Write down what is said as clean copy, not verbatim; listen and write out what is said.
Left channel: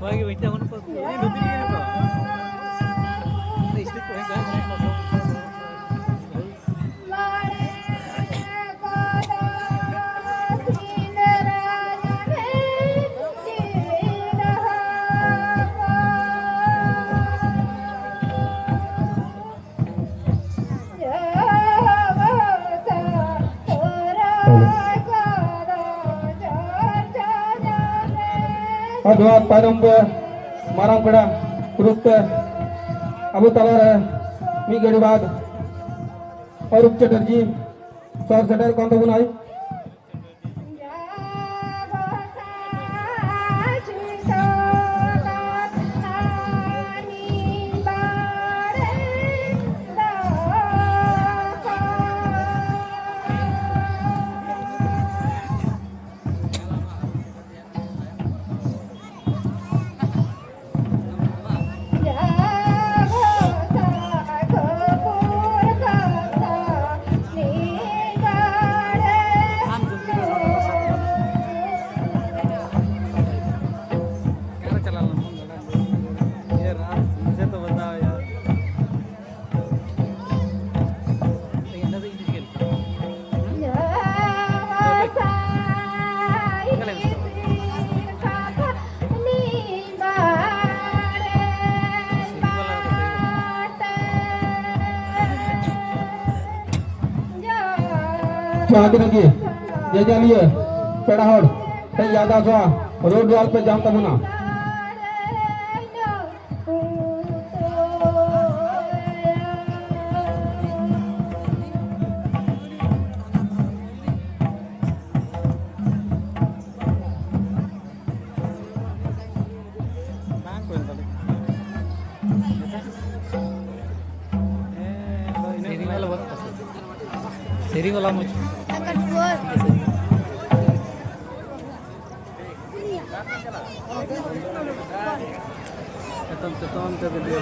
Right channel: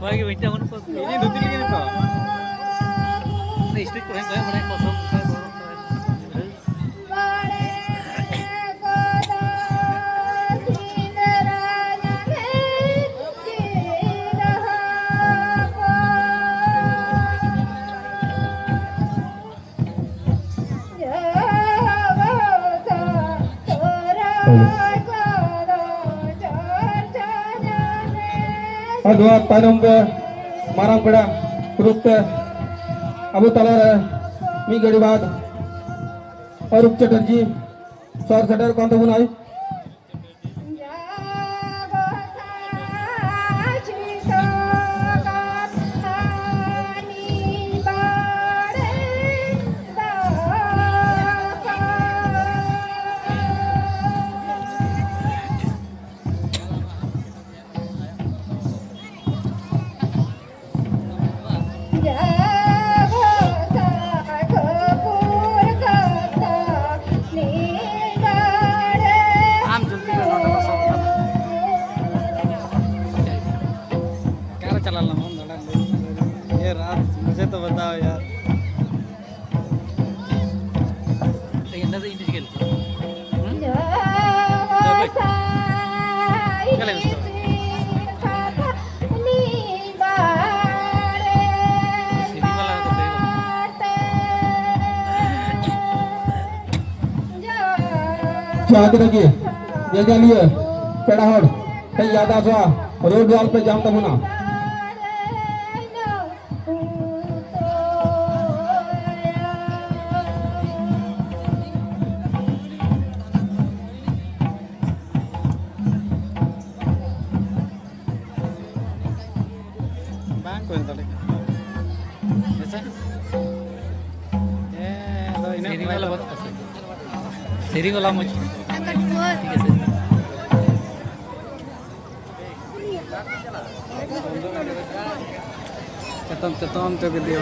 Bagi bintang mana pas? Ini nutul gini kok. Istri kau yang banyak kosong. Agak tanam ke marang pedang terus Abu Talha minggu बाद Arup Chatterjee sor setter kau tahu nai मुझे तो बताओ यार चाहते लगे ये जानिए पेड़ाहड़ है याद आ जा रोड जाल पे जाम तमना bang ko yung tali Seri वाला बहुत पसंद Seri वाला मुझे ठीक है sir ketom ketom ke dia